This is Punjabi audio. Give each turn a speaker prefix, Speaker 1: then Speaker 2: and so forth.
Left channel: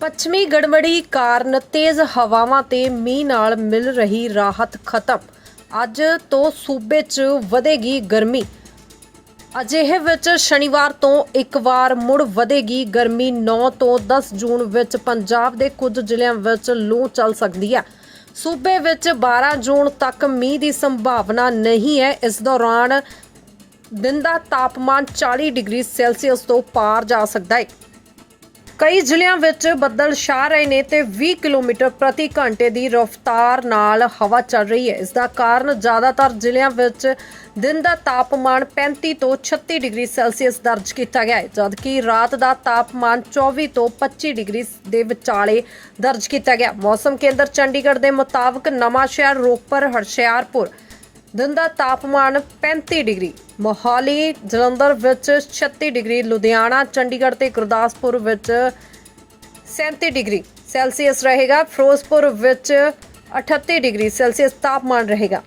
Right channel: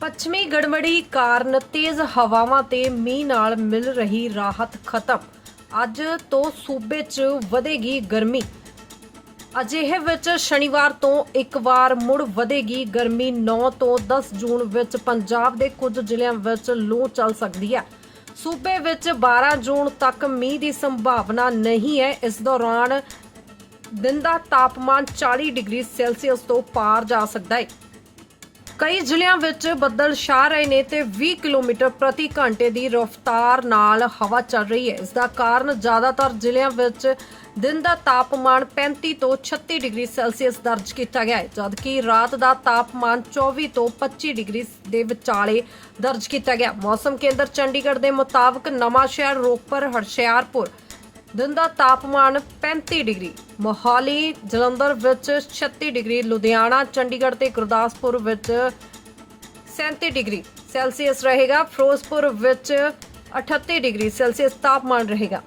Speaker 1: ਪੱਛਮੀ ਗੜਬੜੀ ਕਾਰਨ ਤੇਜ਼ ਹਵਾਵਾਂ ਤੇ ਮੀਂਹ ਨਾਲ ਮਿਲ ਰਹੀ ਰਾਹਤ ਖਤਮ। ਅੱਜ ਤੋਂ ਸੂਬੇ 'ਚ ਵਧੇਗੀ ਗਰਮੀ। ਅਜਿਹੇ ਵਿੱਚ ਸ਼ਨੀਵਾਰ ਤੋਂ ਇੱਕ ਵਾਰ ਮੁੜ ਵਧੇਗੀ ਗਰਮੀ। 9 ਤੋਂ 10 ਜੂਨ ਵਿੱਚ ਪੰਜਾਬ ਦੇ ਕੁਝ ਜ਼ਿਲ੍ਹਿਆਂ ਵਿੱਚ ਲੂ ਚੱਲ ਸਕਦੀ ਹੈ। ਸੂਬੇ ਵਿੱਚ 12 ਜੂਨ ਤੱਕ ਮੀਂਹ ਦੀ ਸੰਭਾਵਨਾ ਨਹੀਂ ਹੈ। ਇਸ ਦੌਰਾਨ ਦਿਨ ਦਾ ਤਾਪਮਾਨ 40 ਡਿਗਰੀ ਸੈਲਸੀਅਸ ਤੋਂ ਪਾਰ ਜਾ ਸਕਦਾ ਹੈ। ਕਈ ਜ਼ਿਲ੍ਹਿਆਂ ਵਿੱਚ ਬੱਦਲ ਛਾ ਰਹੇ ਨੇ ਤੇ 20 ਕਿਲੋਮੀਟਰ ਪ੍ਰਤੀ ਘੰਟੇ ਦੀ ਰਫ਼ਤਾਰ ਨਾਲ ਹਵਾ ਚੱਲ ਰਹੀ ਹੈ। ਇਸ ਦਾ ਕਾਰਨ ਜ਼ਿਆਦਾਤਰ ਜ਼ਿਲ੍ਹਿਆਂ ਵਿੱਚ ਦਿਨ ਦਾ ਤਾਪਮਾਨ 35 ਤੋਂ 36 ਡਿਗਰੀ ਸੈਲਸੀਅਸ ਦਰਜ ਕੀਤਾ ਗਿਆ ਹੈ, ਜਦਕਿ ਰਾਤ ਦਾ ਤਾਪਮਾਨ 24 ਤੋਂ 25 ਡਿਗਰੀ ਦੇ ਵਿਚਾਲੇ ਦਰਜ ਕੀਤਾ ਗਿਆ। ਮੌਸਮ ਕੇਂਦਰ ਚੰਡੀਗੜ੍ਹ ਦੇ ਮੁਤਾਬਕ ਨਵਾਂ ਸ਼ਹਿਰ ਰੋਪੜ ਹਰਸ਼ਿਆਰਪੁਰ ਦਿਨ ਦਾ ਤਾਪਮਾਨ 35 ਡਿਗਰੀ। ਮੋਹਾਲੀ, ਜਲੰਧਰ ਵਿੱਚ 36 ਡਿਗਰੀ, ਲੁਧਿਆਣਾ, ਚੰਡੀਗੜ੍ਹ ਤੇ ਗੁਰਦਾਸਪੁਰ ਵਿੱਚ 37 ਡਿਗਰੀ ਸੈਲਸੀਅਸ ਰਹੇਗਾ। ਫਿਰੋਜ਼ਪੁਰ ਵਿੱਚ 38 ਡਿਗਰੀ ਸੈਲਸੀਅਸ ਤਾਪਮਾਨ ਰਹੇਗਾ।